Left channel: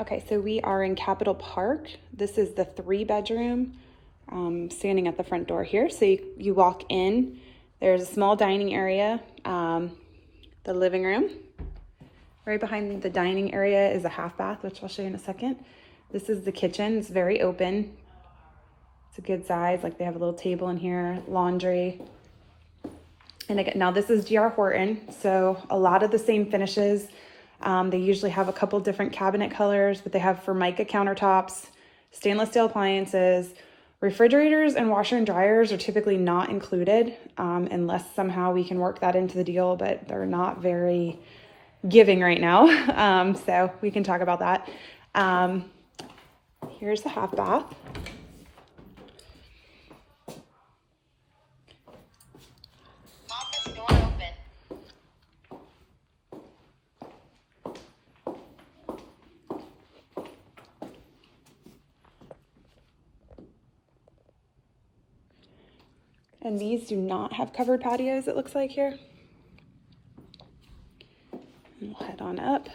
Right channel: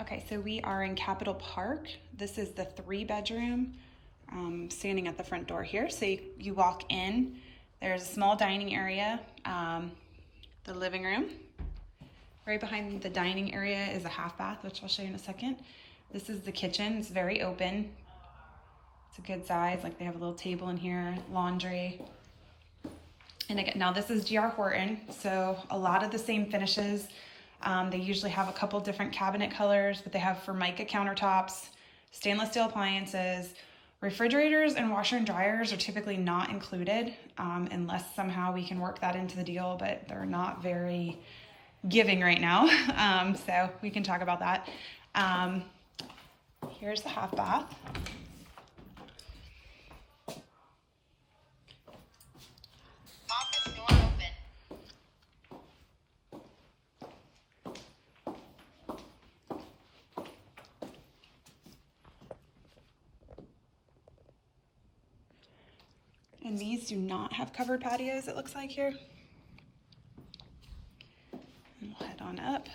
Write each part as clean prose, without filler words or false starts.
Okay, so we are in Capitol Park. This is the 3-bedroom, standing at the front door here. So you walk in, there's a small dining area, the living room. Right behind the dining area is a half bath, which I'll show you in a second. This is the kitchen. It's very open. It's a good size. Like they have a little table in here, laundry. And again, now this is GR Horton, so a lot of the same finishes. They usually have a couple different cabinet colors, but they have Formica countertops, stainless steel appliances, refrigerators and washer and dryers are typically not included unless somehow we can work that into the deal, but they're not very giving right now. So we can talk about that. Here's the half bath. And these do not have covered patios, it looks like here. We'll head on up.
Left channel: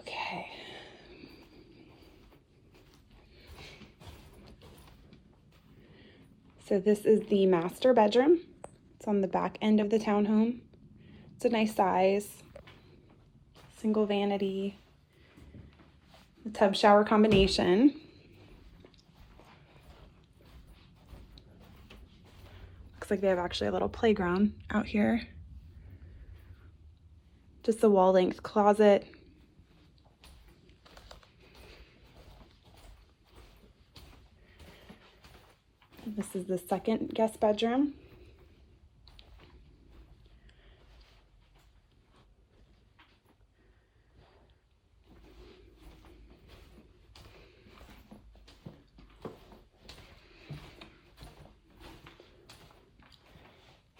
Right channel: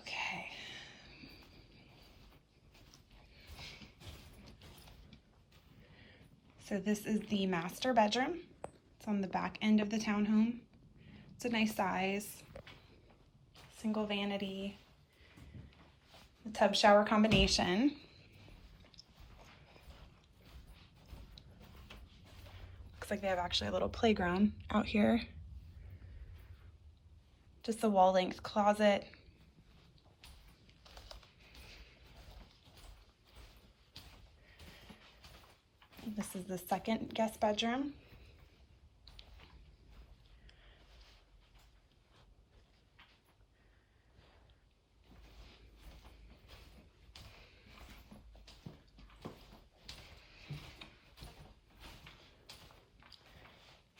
Okay. So this is the master bedroom. It's on the back end of the townhome. It's a nice size. Single vanity, tub shower combination. Looks like they have actually a little playground out here. Just a wall length closet. This is the second guest bedroom.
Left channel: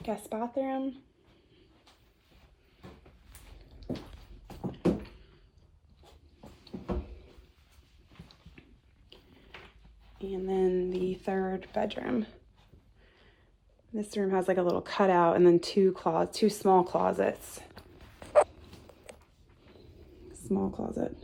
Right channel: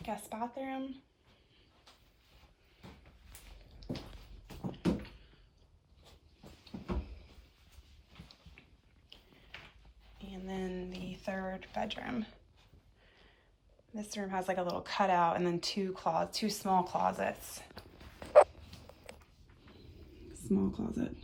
Guest bathroom. And then the third bedroom. This room has like a little cutout and then two small closets. Small closet.